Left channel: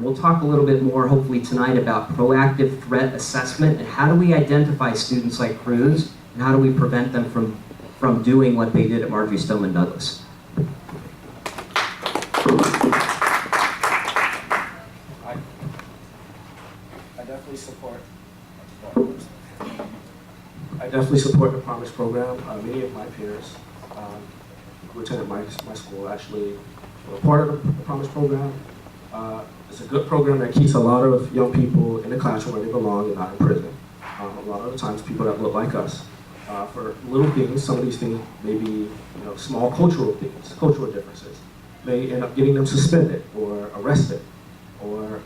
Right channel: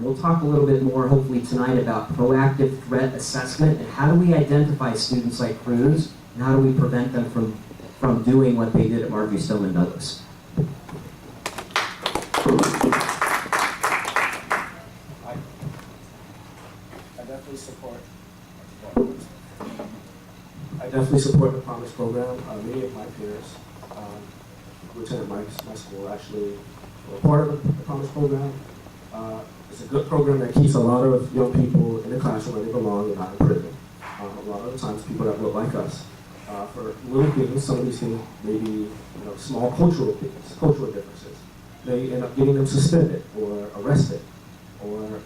We'll talk a little bit more, hopefully tonight, about proactive threat assessment and how do we identify students like Cruz and how do we prevent them from doing what they did at Marjory Stoneman Douglas. I definitely support the Promise program. Many of my peers who attended my school actually were part of the Promise program. It's a good program that keeps a lot of young people in the classroom where they belong and not in prison. A lot of the times people that look like us, for little things, some of these things may be small cultural things, cultural differences, may end up getting them suspended or arrested or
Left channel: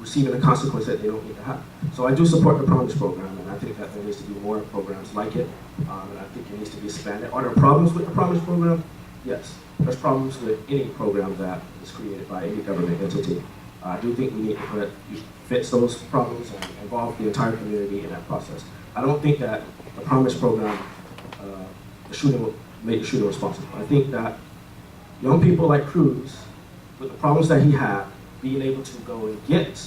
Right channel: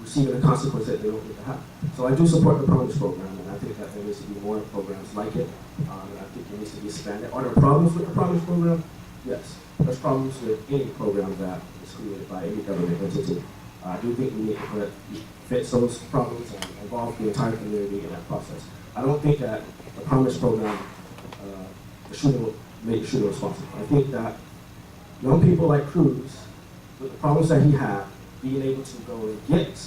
receiving a consequence that they don't need to have. So I do support the Promise program, and I think that there needs to be more programs like it, and I think it needs to be expanded. Are there problems with the Promise program? Yes. There's problems with any program that is created by any government entity. I do think we need to fix those problems and involve the entire community in that process. I don't think that the Promise program, the shooting will make the shooter responsible. I think that young people like Cruz, with the problems that he had, being able to go and get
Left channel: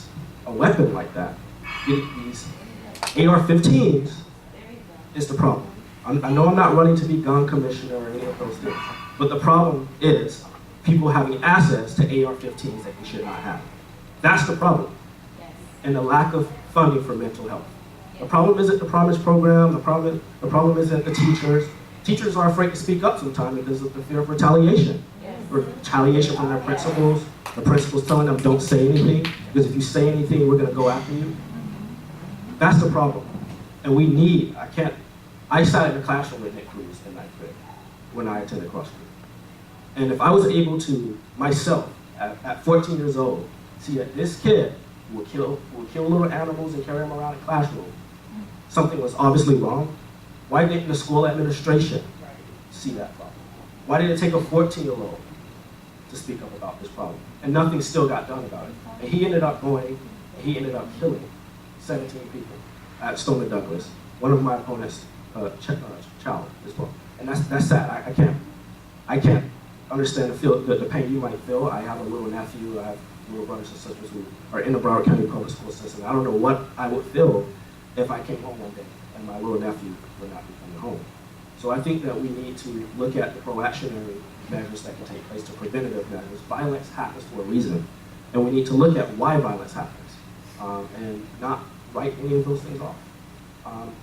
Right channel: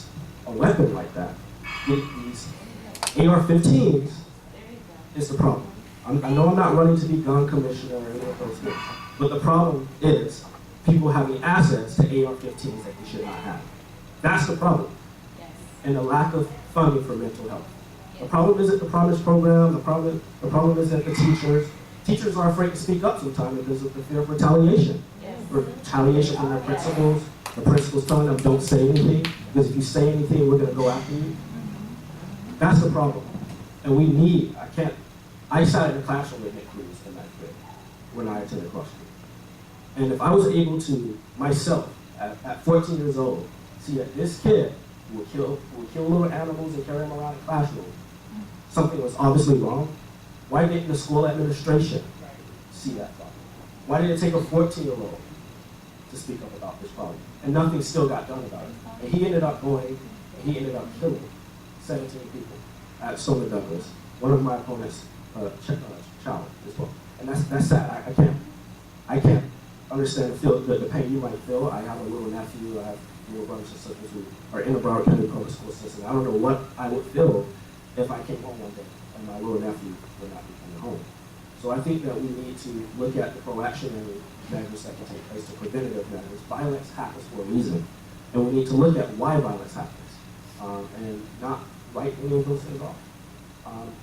a weapon like that, get these AR-15s, is the problem. I know I'm not running to be gun commissioner or any of those things, but the problem is people having access to AR-15s that they should not have. That's the problem. Yes. And the lack of funding for mental health. Yes. The problem isn't the Promise program, the problem isn't the teachers. Teachers are afraid to speak up sometimes because of the fear of retaliation. Yes. Retaliation from their principals. The principal's telling them, don't say anything, because if you say anything, we're gonna go after you. That's the problem. And we need, I sat in the classroom with Nick Cruz in ninth grade when I attended Cross Creek. And if I was able to, myself, at 14 years old, see that this kid will kill little animals and carry them around the classroom, something was obviously wrong, why didn't the school administration see that problem? Why did it take a 14-year-old to speak up about this problem? And nothing still got done about it. And he ended up killing 17 people at Stoneman Douglas, one of my opponent's child as well. And that's sad. I can't understand the pain you might feel. I have a little nephew, I have little brothers and sisters who are in the Broward County public school system. I don't know what I would feel if I came home one day and my little nephew would not be coming home. So I think that we need to look at the proactionary measures that can take place to preventative measures. Violence happens for a reason, and we need to look at why violence happens, and not write any of those things off.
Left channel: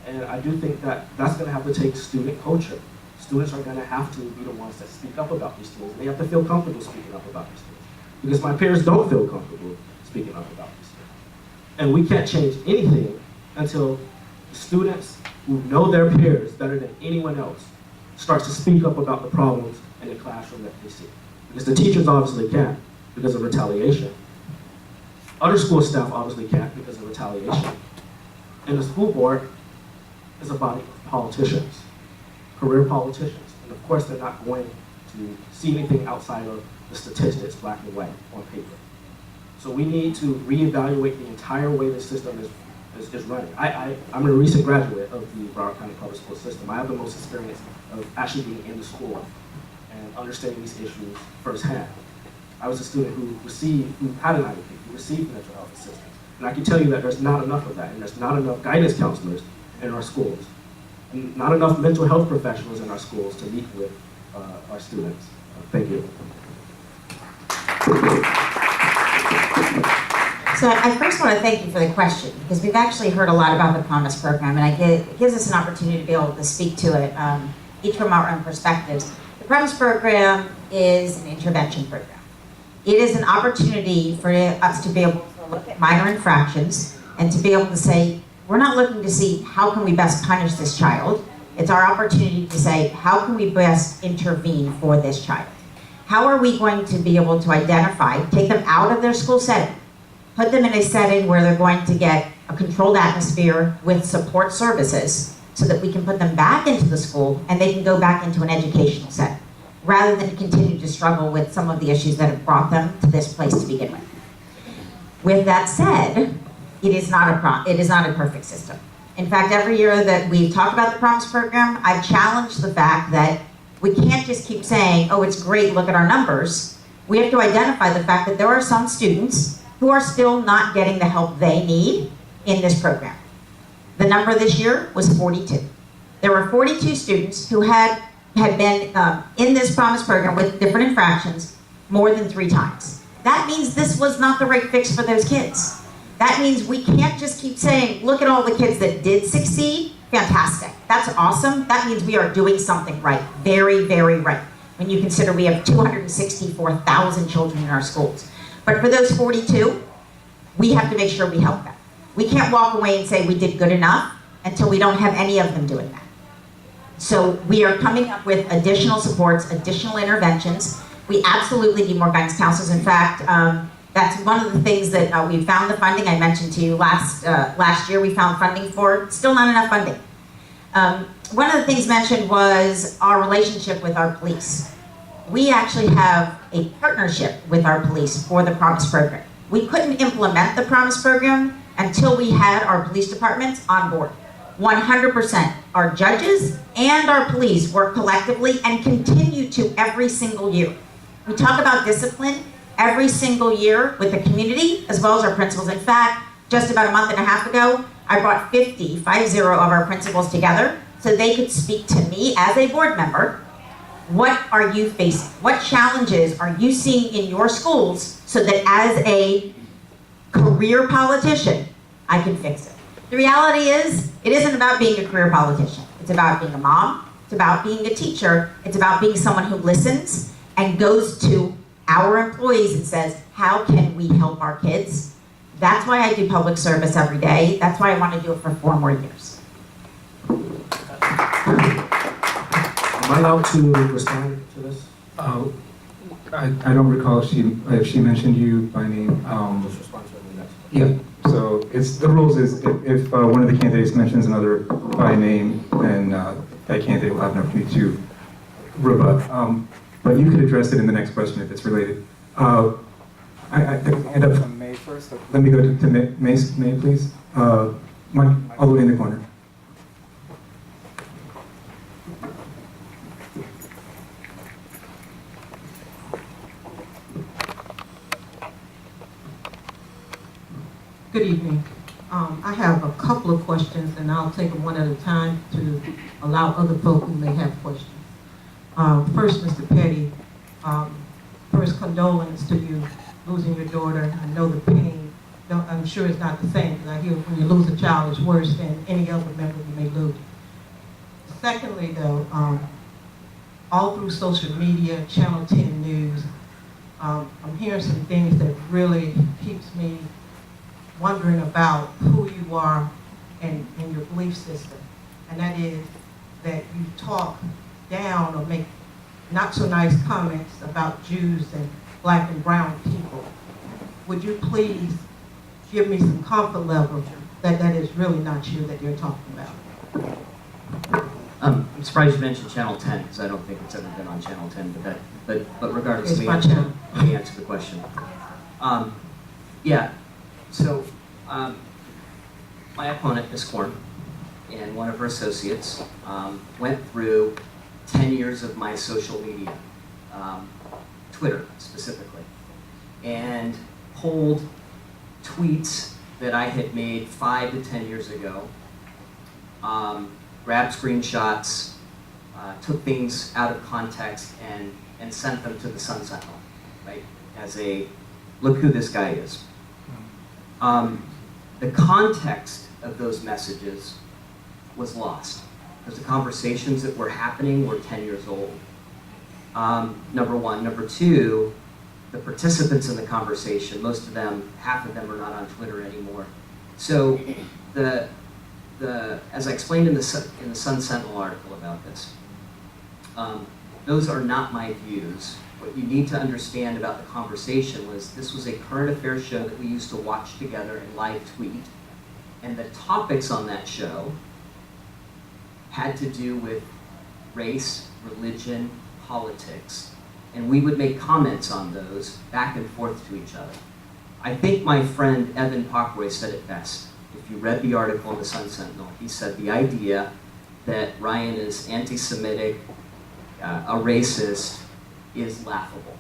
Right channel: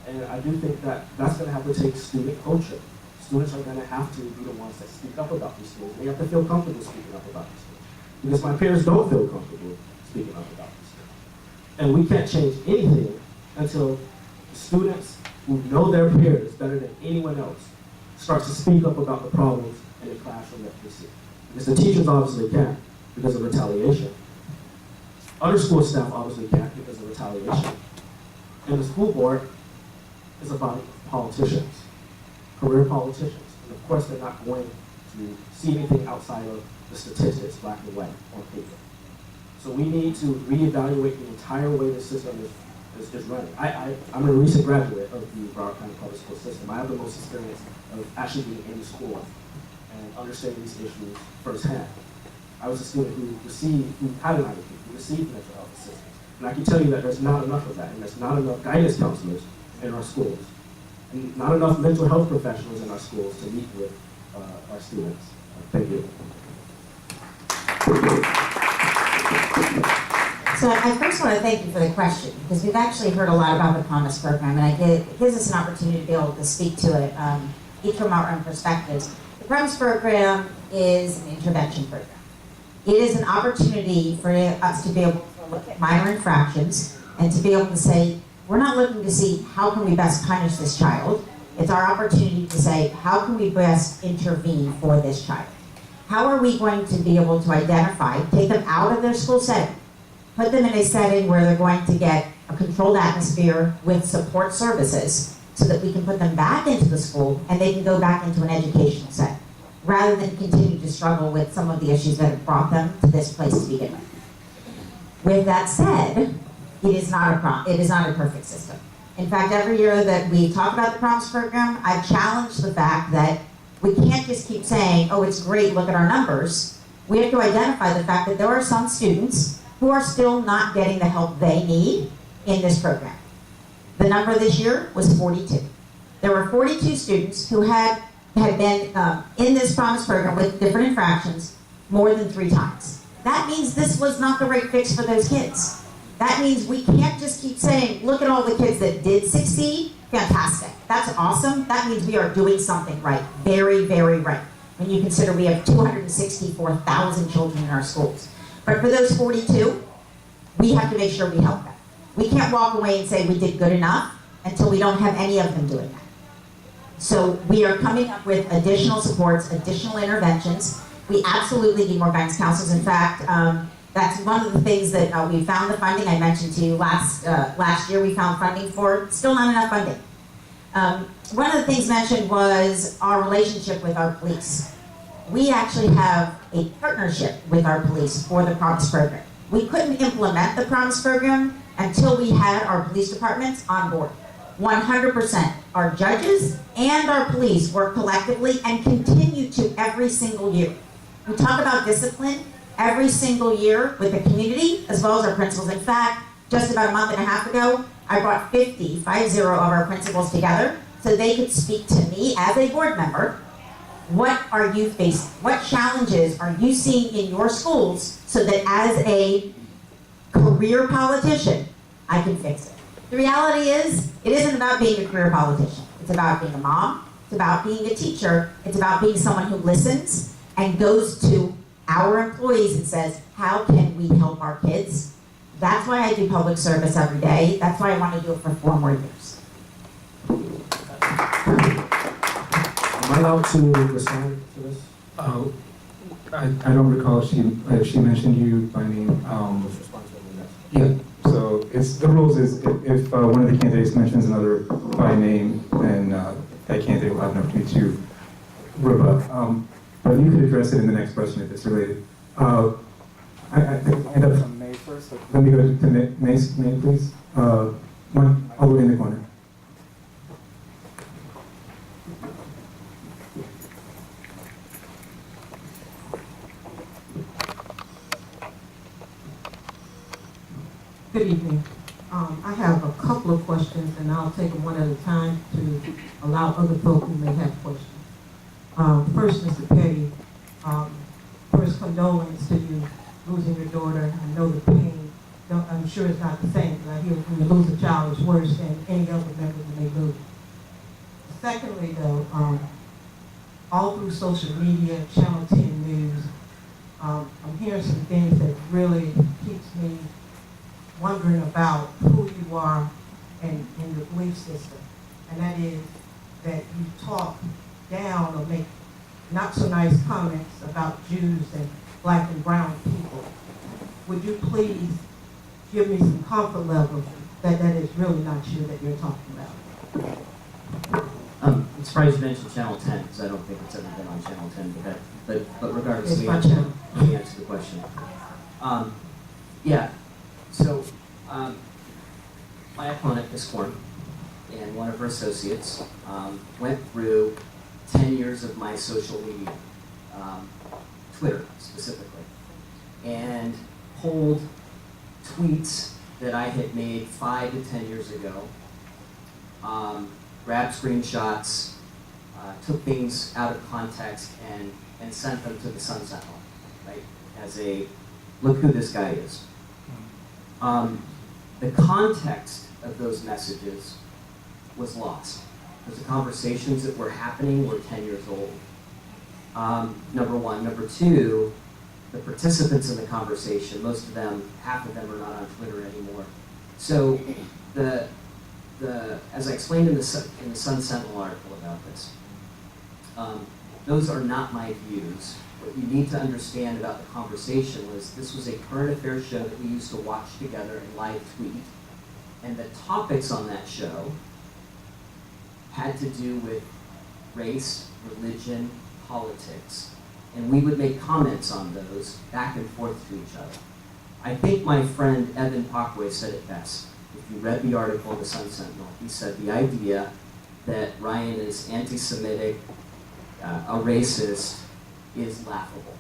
And I do think that that's going to have to take student culture. Students are going to have to be the ones that speak up about these things. They have to feel comfortable speaking up about these things. Because my peers don't feel comfortable speaking up about these things. And we can't change anything until students who know their peers better than anyone else starts to speak up about the problems in the classroom that they see. Because the teachers obviously can't because of retaliation. Other school staff obviously can't because of retaliation. And the school board is a body of politicians, career politicians. And of course they're not going to see anything outside of the statistics, black and white, on paper. So we need to reevaluate the entire way the system is running. I'm a recent graduate of the Broward County Public School System. I have the most experience of actually being in the school and understanding these issues firsthand. I was a student who had an IEP, who received mental health assistance. And I can tell you that there's not enough of that, and there's not enough guidance counselors in our schools, and not enough mental health professionals in our schools to meet with our students. Thank you. So I first want to thank you for the question, because we've actually heard a lot about the Promise program, and it gives us an opportunity to be able to speak to it, each from our own perspectives. The Promise program is an intervention program. It is an opportunity for us to be able to look at minor infractions and to be able to say, we're not looking to see how can we best punish this child. It's our opportunity to say, how can we best intervene for this child? How are we going to be able to identify, take them out of their school setting, put them in a setting where they're going to get a controlled atmosphere with support services so that we can put them back into the school and they can go back into an educational setting, rather than continue to struggle with some of the issues that have brought them to this place to begin with. With that said, it is not a perfect system. In fact, every year that we talk about the Promise program, I've challenged the fact that we can't just keep saying, oh, it's great, look at our numbers. We have to identify the fact that there are some students who are still not getting the help they need in this program. The number this year was 42. There were 42 students who had been in this Promise program with different infractions more than 3 times. That means this was not the right fix for those kids. That means we can't just keep saying, look at all the kids that did succeed. Fantastic. That's awesome. That means we are doing something right. Very, very right. When you consider we have 264,000 children in our schools. But for those 42, we have to make sure we help them. We can't walk away and say we did good enough until we don't have any of them doing that. So we are coming up with additional supports, additional interventions. We absolutely need more guidance counselors. In fact, that's one of the things that we found the funding. I mentioned to you last year we found funding for, still not enough funding. One of the things mentioned was our relationship with our police. We actually have a partnership with our police for the Promise program. We couldn't implement the Promise program until we had our police departments on board. 100%. Our judges and our police work collectively and continue to every single year. We talk about discipline every single year with the community as well as our principals. In fact, just about a month and a half ago, I brought 50 of our principals together so they could speak to me as a board member. What are you facing? What challenges are you seeing in your schools so that as a career politician, I can fix it? The reality is, it isn't about being a career politician. It's about being a mom. It's about being a teacher. It's about being someone who listens and goes to our employees and says, how can we help our kids? That's why I do public service every day. That's why I want to do it for 4 more years. Am I allowed to respond to this? I don't recall if she mentioned you by name. Just respond to the next one. Yeah. So the rules is if one of the candidates mentions another by name, then that candidate will have an opportunity to rebut. But you could address it in the next question if it's related. I end up from May first. So let me go to May, please. Mike, all the way in the corner. Good evening. I have a couple of questions, and I'll take them one at a time to allow other folk who may have questions. First, Mr. Petty, first condolence to you losing your daughter. I know the pain. I'm sure it's not the same, because I hear when you lose a child, it's worse than any other member you may lose. Secondly, though, all through social media, Channel 10 News, I'm hearing some things that really keeps me wondering about who you are and your belief system. And that is that you talk down or make not so nice comments about Jews and black and brown people. Would you please give me some comfort level that that is really not you that you're talking about? I'm surprised you mentioned Channel 10, because I don't think it's ever been on Channel 10, but regardless, It's let my channel. me answer the question. Yeah, so my opponent, Ms. Korn, and one of her associates went through 10 years of my social media, Twitter specifically, and pulled tweets that I had made 5 to 10 years ago, grabbed screenshots, took things out of context, and sent them to the Sun Sentinel, right, as a, look who this guy is. The context of those messages was lost, because the conversations that were happening were 10 years old. Number one. Number two, the participants in the conversation, most of them, half of them are not on Twitter anymore. So as I explained in the Sun Sentinel article about this, those are not my views. What you need to understand about the conversation was this was a current affairs show that we used to watch together and live tweet. And the topics on that show had to do with race, religion, politics. And we would make comments on those back and forth to each other. I think my friend Evan Pockroy said it best. If you read the article in the Sun Sentinel, he said the idea that Ryan is anti-Semitic, a racist, is laughable.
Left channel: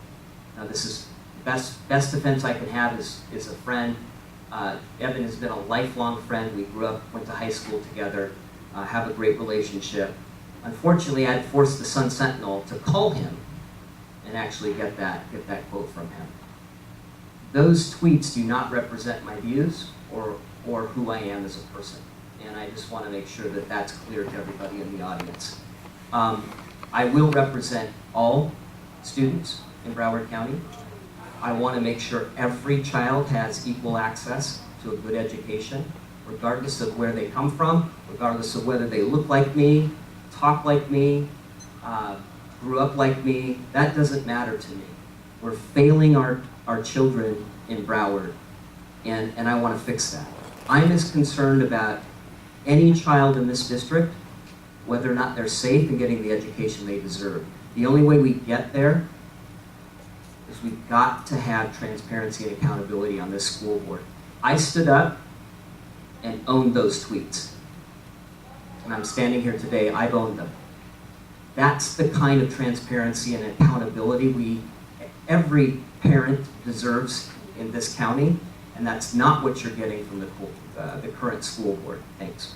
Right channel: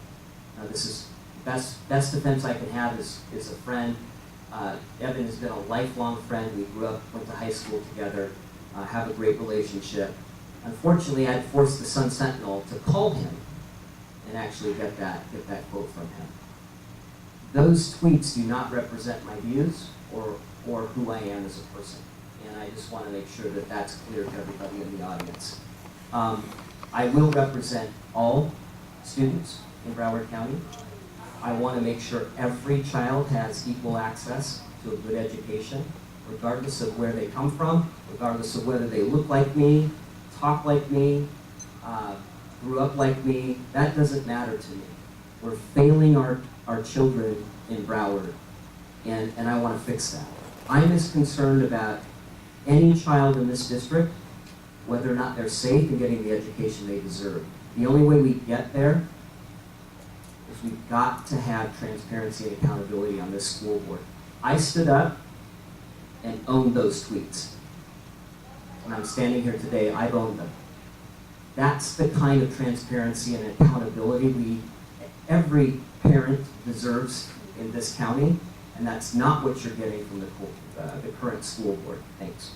Now this is Best defense I can have is a friend. Evan has been a lifelong friend. We grew up, went to high school together, have a great relationship. Unfortunately, I had forced the Sun Sentinel to call him and actually get that quote from him. Those tweets do not represent my views or who I am as a person. And I just want to make sure that that's clear to everybody in the audience. I will represent all students in Broward County. I want to make sure every child has equal access to a good education, regardless of where they come from, regardless of whether they look like me, talk like me, grew up like me. That doesn't matter to me. We're failing our children in Broward, and I want to fix that. I'm as concerned about any child in this district, whether or not they're safe and getting the education they deserve. The only way we get there is we've got to have transparency and accountability on this school board. I stood up and owned those tweets. And I'm standing here today, I've owned them. That's the kind of transparency and accountability every parent deserves in this county, and that's not what you're getting from the current school board. Thanks.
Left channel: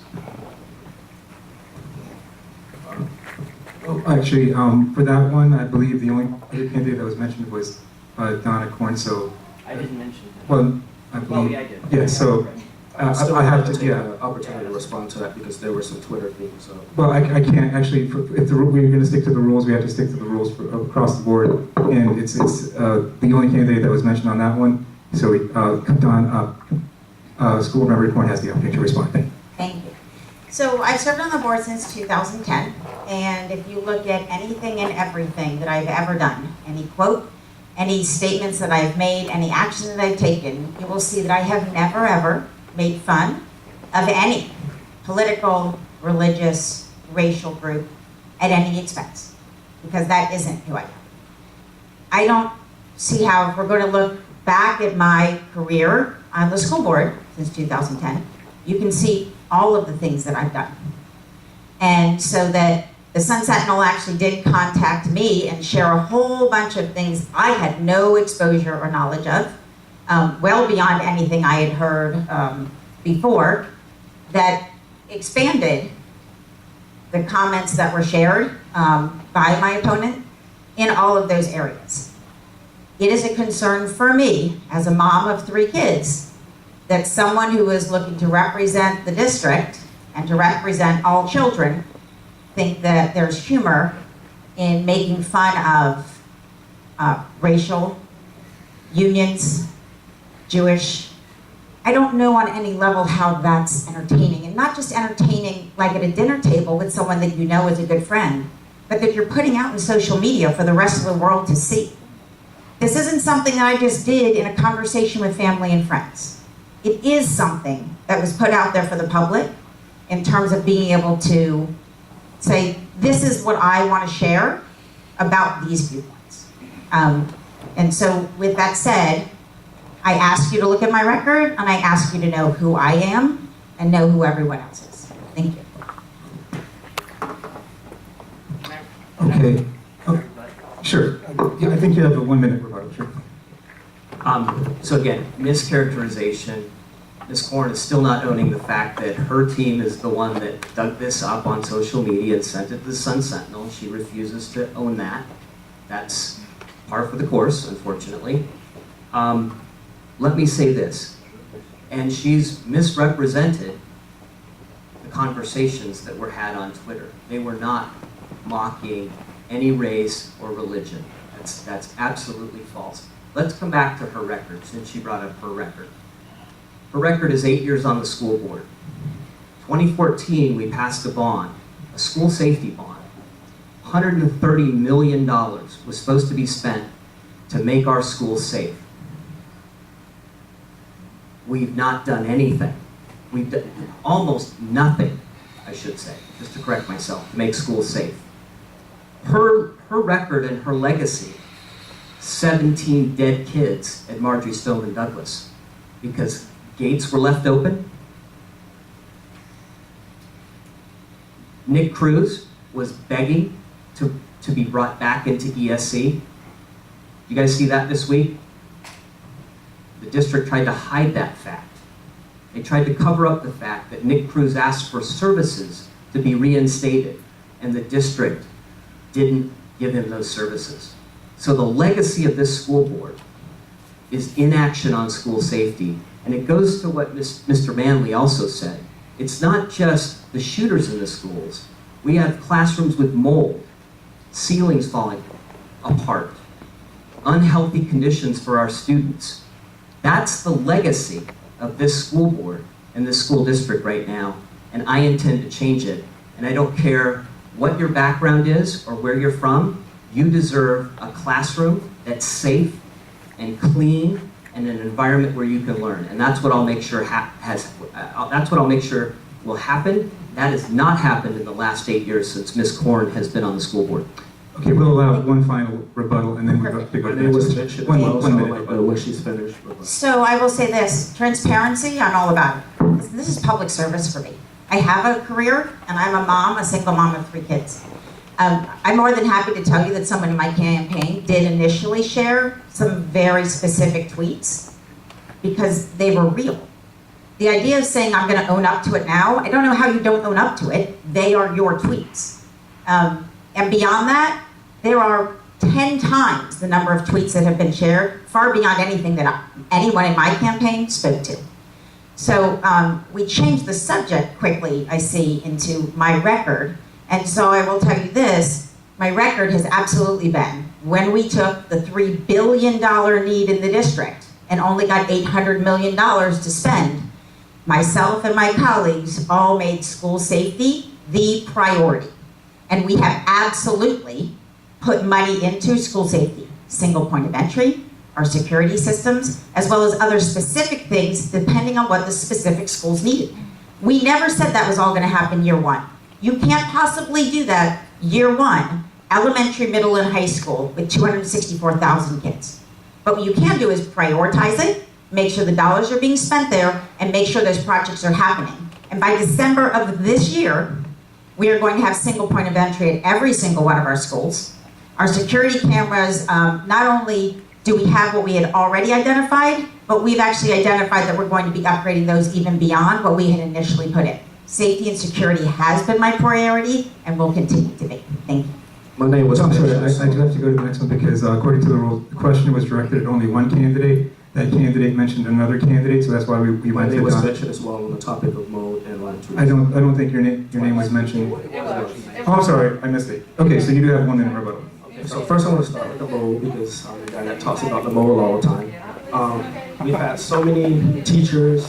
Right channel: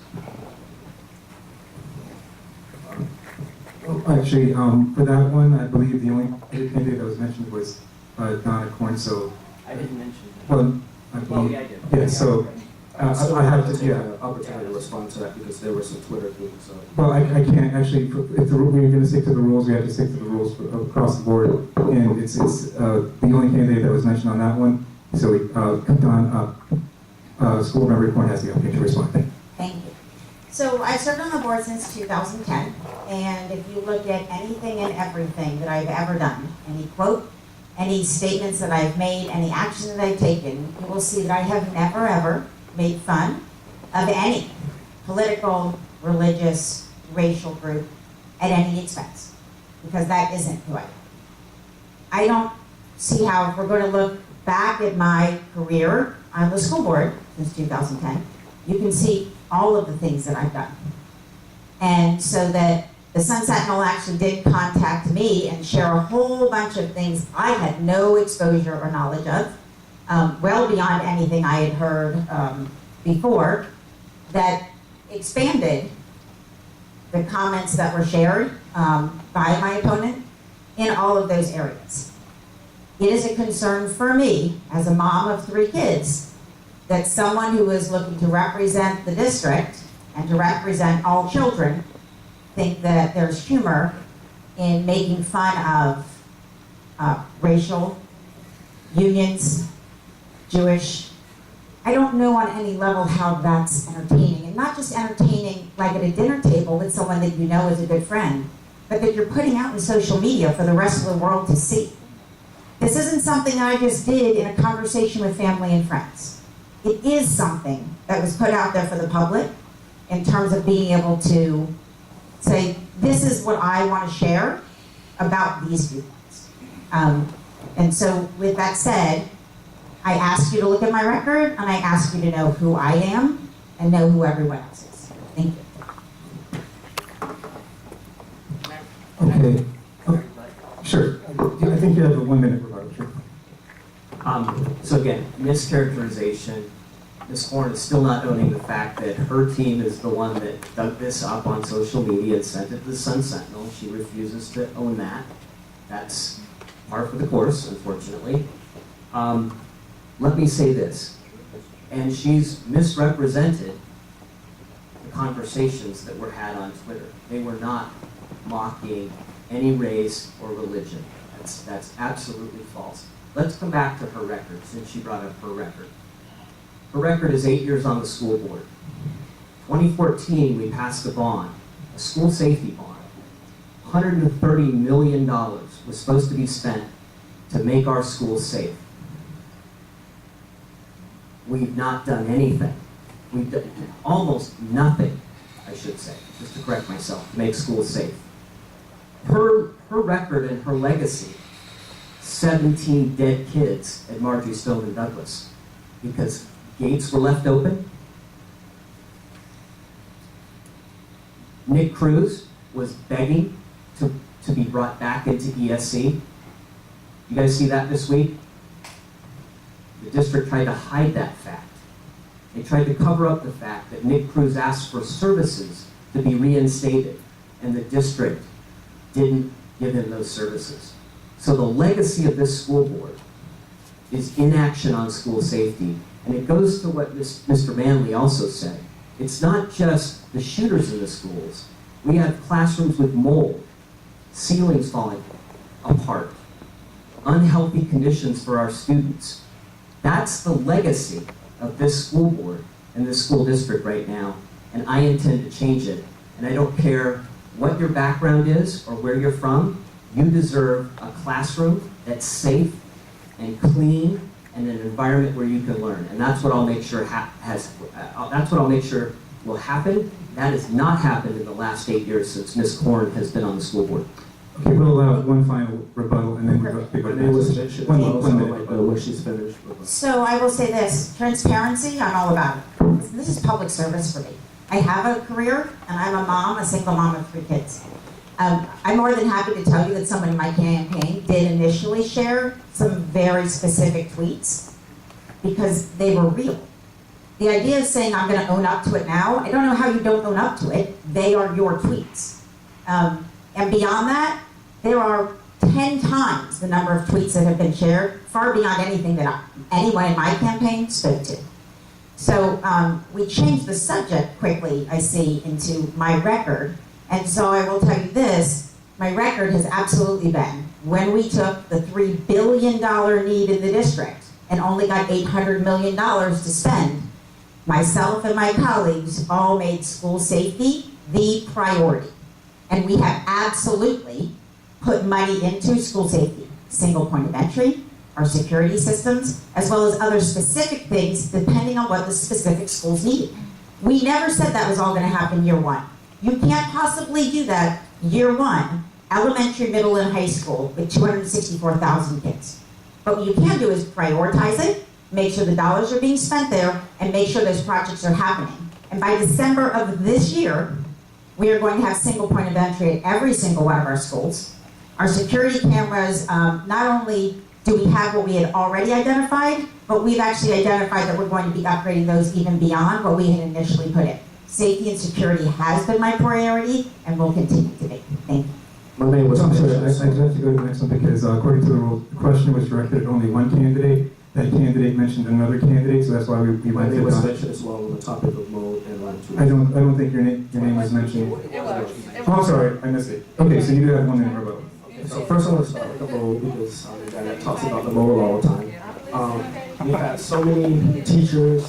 Well, actually, for that one, I believe the only other candidate that was mentioned was Donna Cornso. I didn't mention that. Well, I Well, believe. yeah, I did. Yeah, so Still I have to to, take yeah. the opportunity to respond to that because there were some Twitter things. So. Well, I can't actually, if we're going to stick to the rules, we have to stick to the rules across the board. And it's the only candidate that was mentioned on that one. So School Member Corn has the opportunity to respond. Thank you. Thank you. So I've served on the board since 2010, and if you look at anything and everything that I've ever done, any quote, any statements that I've made, any action that I've taken, you will see that I have never ever made fun of any political, religious, racial group at any expense, because that isn't who I am. I don't see how, if we're going to look back at my career on the school board since 2010, you can see all of the things that I've done. And so that the Sun Sentinel actually did contact me and share a whole bunch of things I had no exposure or knowledge of, well beyond anything I had heard before, that expanded the comments that were shared by my opponent in all of those areas. It is a concern for me, as a mom of 3 kids, that someone who is looking to represent the district and to represent all children think that there's humor in making fun of racial unions, Jewish. I don't know on any level how that's entertaining, and not just entertaining like at a dinner table with someone that you know is a good friend, but that you're putting out in social media for the rest of the world to see. This isn't something that I just did in a conversation with family and friends. It is something that was put out there for the public in terms of being able to say, this is what I want to share about these viewpoints. And so with that said, I ask you to look at my record, and I ask you to know who I am and know who everyone else is. Thank you. Okay. Oh, sure. Yeah, I think you have a 1-minute rebuttal. Sure. So again, mischaracterization. Ms. Corn is still not owning the fact that her team is the one that dug this up on social media and sent it to the Sun Sentinel. She refuses to own that. That's par for the course, unfortunately. Let me say this, and she's misrepresented the conversations that were had on Twitter. They were not mocking any race or religion. That's absolutely false. Let's come back to her record, since she brought up her record. Her record is 8 years on the school board. 2014, we passed a bond, a school safety bond. $130 million was supposed to be spent to make our schools safe. We've not done anything. We've done almost nothing, I should say, just to correct myself, to make schools safe. Her record and her legacy, 17 dead kids at Marjorie Stoneman Douglas because gates were left open. Nick Cruz was begging to be brought back into ESC. You guys see that this week? the district tried to hide that fact. They tried to cover up the fact that Nick Cruz asked for services to be reinstated, and the district didn't give him those services. So the legacy of this school board is inaction on school safety, and it goes to what Mr. Manley also said. It's not just the shooters in the schools. We have classrooms with mold, ceilings falling apart, unhealthy conditions for our students. That's the legacy of this school board and this school district right now, and I intend to change it. And I don't care what your background is or where you're from, you deserve a classroom that's safe and clean and an environment where you can learn. And that's what I'll make sure that's what I'll make sure will happen. That has not happened in the last 8 years since Ms. Korn has been on the school board. Okay, we'll allow one final rebuttal, and then we're going to go My to the name next was question. mentioned. One Also, minute. like, when she's finished. So I will say this, transparency, I'm all about it. This is public service for me. I have a career, and I'm a mom, a single mom of 3 kids. I'm more than happy to tell you that someone in my campaign did initially share some very specific tweets because they were real. The idea of saying I'm gonna own up to it now, I don't know how you don't own up to it. They are your tweets. And beyond that, there are 10 times the number of tweets that have been shared, far beyond anything that anyone in my campaign spoke to. So we changed the subject quickly, I see, into my record. And so I will tell you this, my record has absolutely been, when we took the $3 billion need in the district and only got $800 million to spend, myself and my colleagues all made school safety the priority. And we have absolutely put money into school safety, single point of entry, our security systems, as well as other specific things depending on what the specific schools needed. We never said that was all gonna happen year one. You can't possibly do that year one, elementary, middle, and high school with 264,000 kids. But what you can do is prioritize it, make sure the dollars are being spent there, and make sure those projects are happening. And by December of this year, we are going to have single point of entry at every single one of our schools. Our security cameras, not only do we have what we had already identified, but we've actually identified that we're going to be upgrading those even beyond what we had initially put in. Safety and security has been my priority and will continue to be. Thank you. My name was I'm sorry, mentioned. I do have to go to the next one because according to the rule, the question was directed at only one candidate. That candidate mentioned another candidate, so that's why we My went name to was Don. mentioned as well on the topic of mold and Lyme trees. I don't think your name was mentioned. Oh, I'm sorry, I missed it. Okay, so you do have 1 minute rebuttal. Okay, so first I want to start with the mold because I'm the guy that talks about the mold all the time. We've had so many teachers,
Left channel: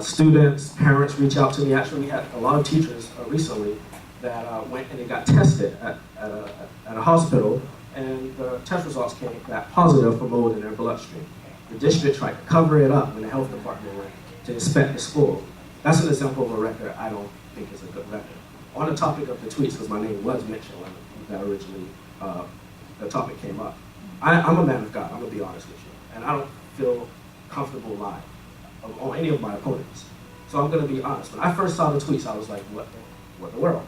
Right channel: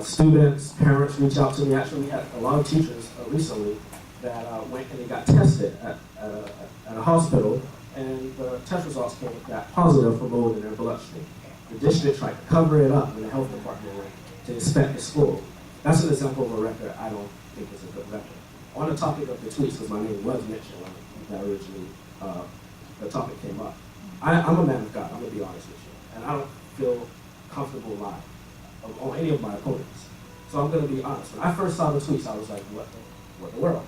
students, parents reach out to me. Actually, we had a lot of teachers recently that went and they got tested at a hospital, and the test results came back positive for mold in their bloodstream. The district tried to cover it up when the health department went to inspect the school. That's an example of a record I don't think is a good record. On the topic of the tweets, because my name was mentioned when that originally the topic came up. I'm a man of God, I'm gonna be honest with you. And I don't feel comfortable lying on any of my opponents. So I'm gonna be honest. When I first saw the tweets, I was like, what the world?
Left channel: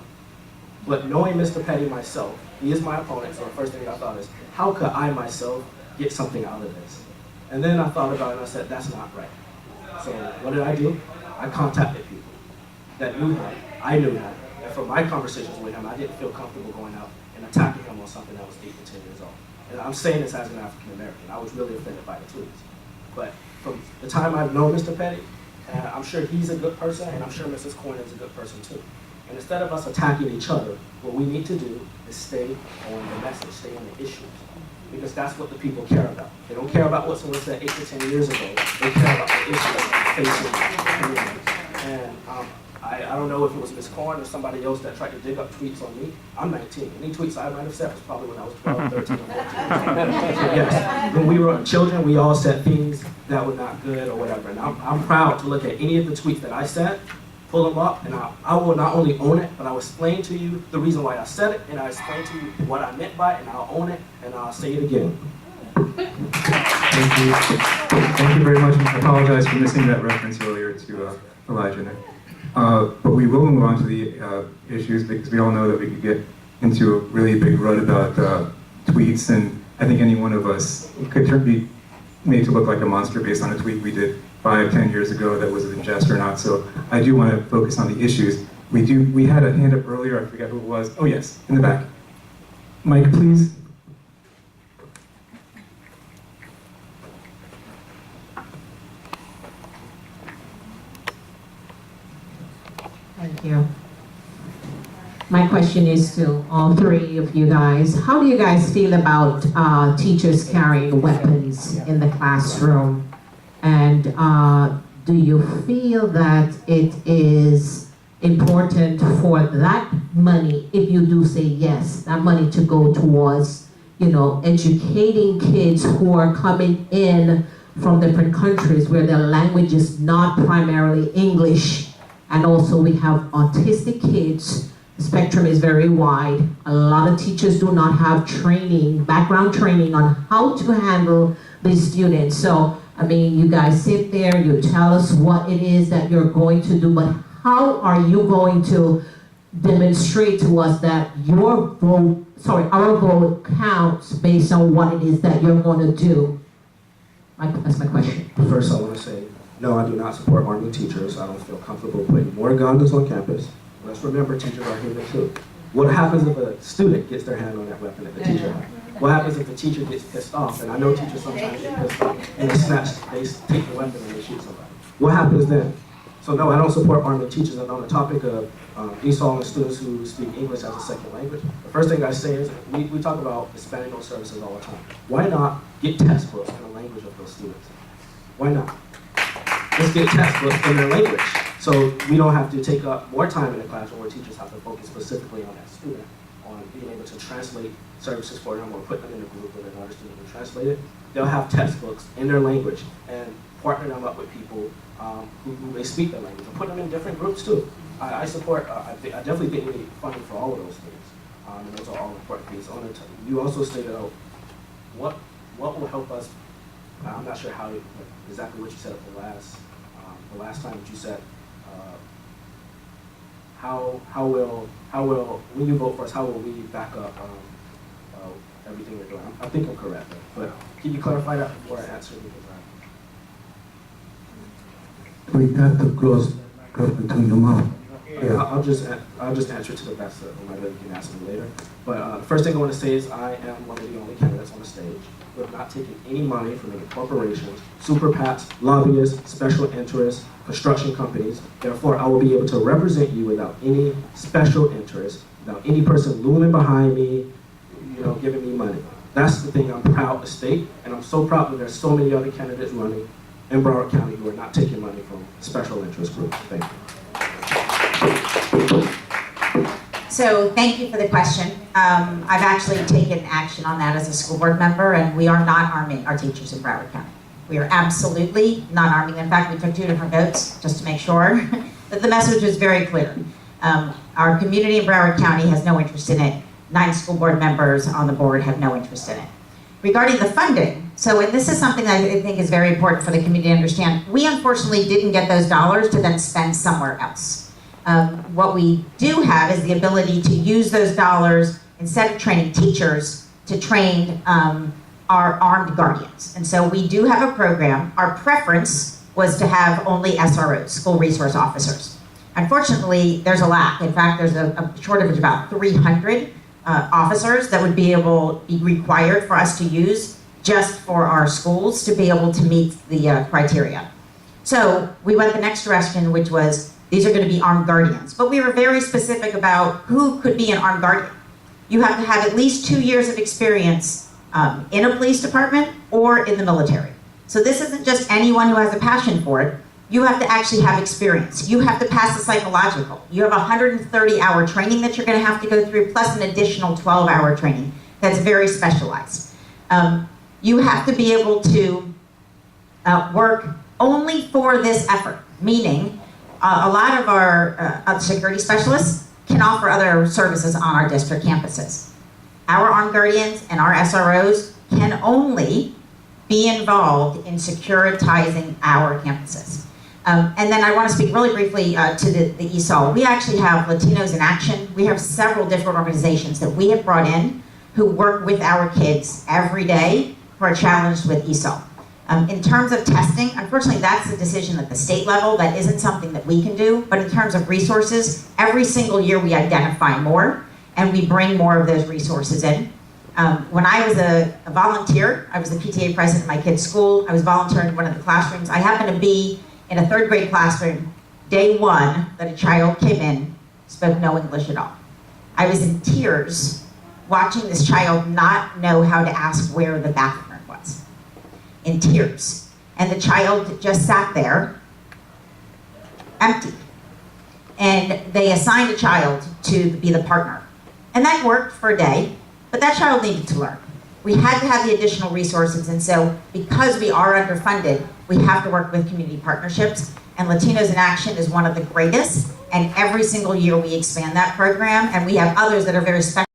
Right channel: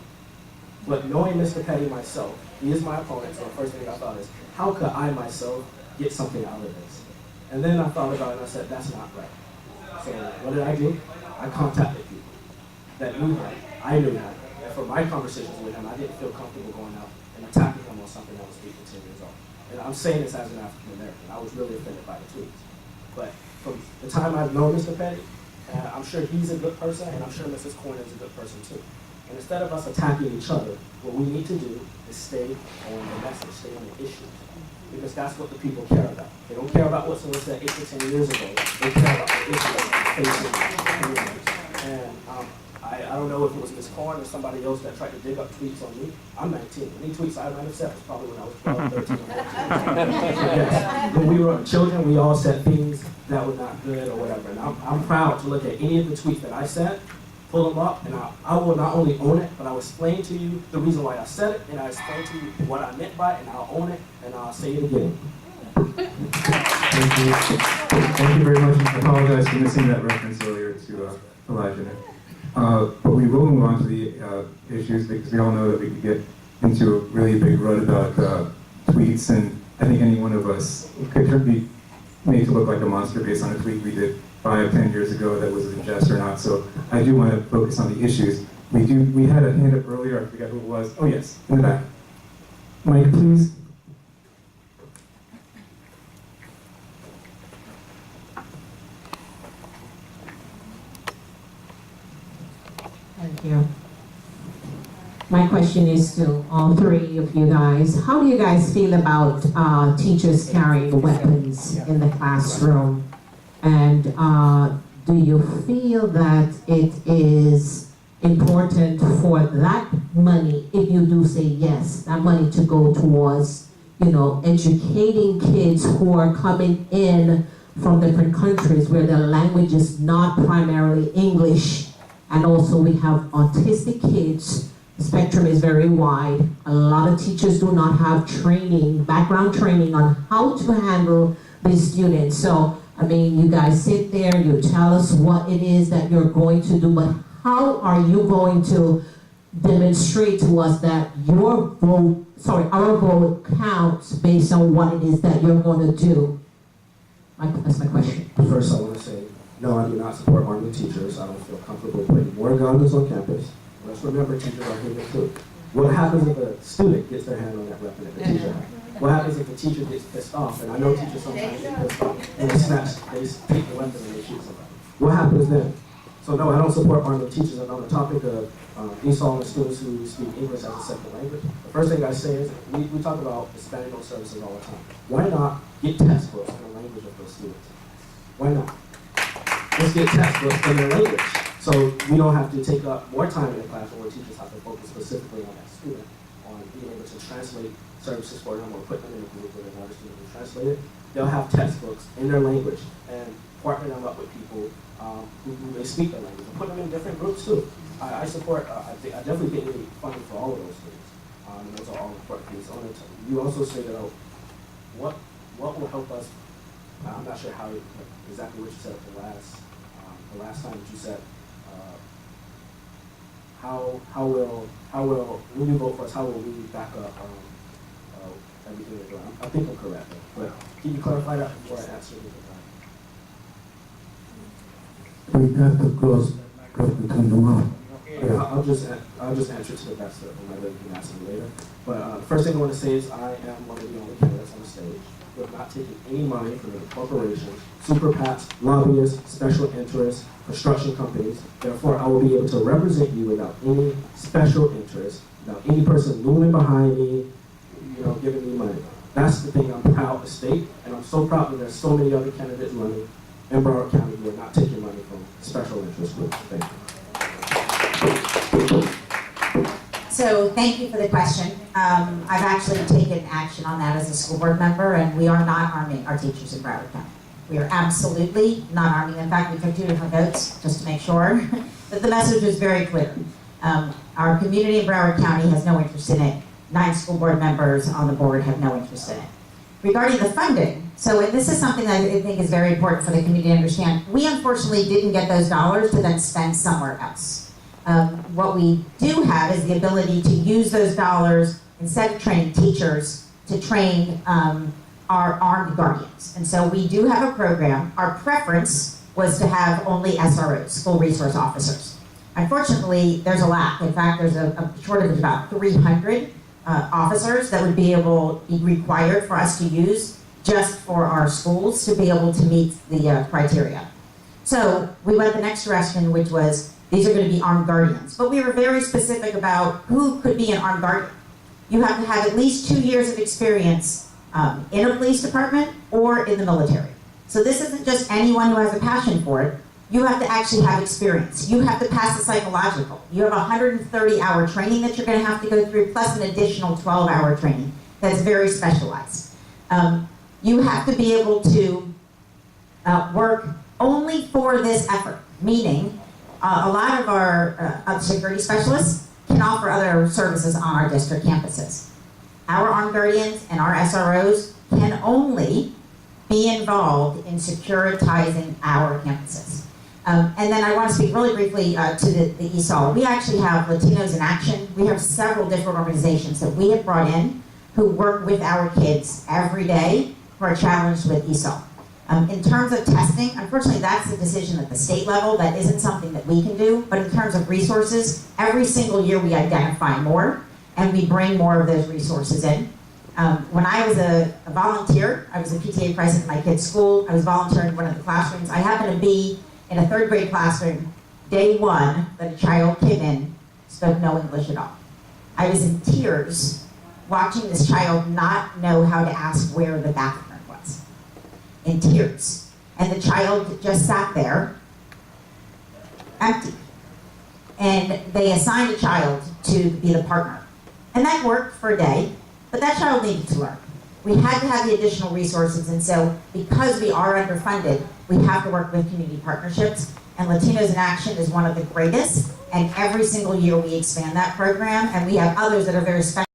But knowing Mr. Petty myself, he is my opponent, so the first thing I thought is, how could I myself get something out of this? And then I thought about it and I said, that's not right. So what did I do? I contacted people that knew him, I knew him, and from my conversations with him, I didn't feel comfortable going out and attacking him on something that was 8 to 10 years old. And I'm saying this as an African American. I was really offended by the tweets. But from the time I've known Mr. Petty, I'm sure he's a good person, and I'm sure Mrs. Korn is a good person too. And instead of us attacking each other, what we need to do is stay on the message, stay on the issues. Because that's what the people care about. They don't care about what someone said 8 to 10 years ago. They care about the issues facing communities. And I don't know if it was Ms. Korn or somebody else that tried to dig up tweets on me. I'm 19. Any tweets I might have said was probably when I was 12, 13, or 14. Yes. When we were children, we all said things that were not good or whatever. And I'm proud to look at any of the tweets that I said, pull them up, and I will not only own it, but I will explain to you the reason why I said it, and I'll explain to you what I meant by it, and I'll own it, and I'll say it again. Thank you. Thank you very much. I apologize for missing that reference earlier to Elijah. But we will move on to the issues because we all know that we could get into a really big rut about tweets, and I think any one of us could be made to look like a monster based on a tweet we did 5, 10 years ago that was in jest or not. So I do want to focus on the issues. We had a hand up earlier, I forget who it was. Oh yes, in the back. Mike, please. Thank you. My question is to all three of you guys. How do you guys feel about teachers carrying weapons in the classroom? And do you feel that it is important for that money, if you do say yes, that money to go towards, educating kids who are coming in from different countries where their language is not primarily English, and also we have autistic kids. The spectrum is very wide. A lot of teachers do not have training, background training on how to handle these students. So, you guys sit there, you tell us what it is that you're going to do, but how are you going to demonstrate to us that our vote counts based on what it is that you're going to do? That's my question. First, I want to say, no, I do not support arming teachers. I don't feel comfortable putting more guns on campus. Let's remember, teachers are human too. What happens if a student gets their hand on that weapon that the teacher has? What happens if the teacher gets pissed off? And I know teachers sometimes get pissed off and they take the weapon and they shoot somebody. What happens then? So no, I don't support arming teachers. And on the topic of ESOL and students who speak English as a second language, the first thing I say is, we talk about Hispanic services all the time. Why not get textbooks in the language of those students? Why not? Let's get textbooks in their language. So we don't have to take up more time in the classroom where teachers have to focus specifically on that student, on being able to translate services for them or put them in a group with another student to translate it. They'll have textbooks in their language and partner them up with people who they speak their language and put them in different groups too. I support, I definitely think we need funding for all of those things. And those are all important things. You also stated out what will help us. I'm not sure how exactly what you said at the last time that you said. How will when you vote for us? How will we back up everything we're doing? I think I'm correct, but can you clarify that before I answer? We have to close between the mouth. Yeah, I'll just answer to the best of my ability. You can ask me later. But the first thing I want to say is I am one of the only candidates on the stage who have not taken any money from any corporations, super PACs, lobbyists, special interests, construction companies. Therefore, I will be able to represent you without any special interest, without any person looming behind me, giving me money. That's the thing I'm proud to state, and I'm so proud that there's so many other candidates running in Broward County who are not taking money from special interest groups. Thank you. So thank you for the question. I've actually taken action on that as a school board member, and we are not arming our teachers in Broward County. We are absolutely not arming. In fact, we took 2 different votes just to make sure that the message was very clear. Our community in Broward County has no interest in it. 9 school board members on the board have no interest in it. Regarding the funding, and this is something that I think is very important for the community to understand. We unfortunately didn't get those dollars to then spend somewhere else. What we do have is the ability to use those dollars, instead of training teachers, to train our armed guardians. And so we do have a program. Our preference was to have only SROs, school resource officers. Unfortunately, there's a lack. In fact, there's a shortage of about 300 officers that would be required for us to use just for our schools to be able to meet the criteria. So we went the next direction, which was these are going to be armed guardians. But we were very specific about who could be an armed guardian. You have to have at least 2 years of experience in a police department or in the military. So this isn't just anyone who has a passion for it. You have to actually have experience. You have to pass the psychological. You have 130-hour training that you're going to have to go through, plus an additional 12-hour training that's very specialized. You have to be able to work only for this effort, meaning a lot of our security specialists can offer other services on our district campuses. Our armed guardians and our SROs can only be involved in securitizing our campuses. And then I want to speak really briefly to the ESOL. We actually have Latinos in Action. We have several different organizations that we have brought in who work with our kids every day who are challenged with ESOL. In terms of testing, unfortunately, that's a decision at the state level. That isn't something that we can do. But in terms of resources, every single year we identify more and we bring more of those resources in. When I was a volunteer, I was a PTA president at my kid's school. I was volunteering in one of the classrooms. I happened to be in a third grade classroom, day one, that a child came in, spoke no English at all. I was in tears watching this child not know how to ask where the bathroom was. In tears. And the child just sat there, empty. And they assigned a child to be the partner. And that worked for a day, but that child needed to learn. We had to have the additional resources, and so because we are underfunded, we have to work with community partnerships, and Latinos in Action is one of the greatest, and every single year we expand that program, and we have others that are very special.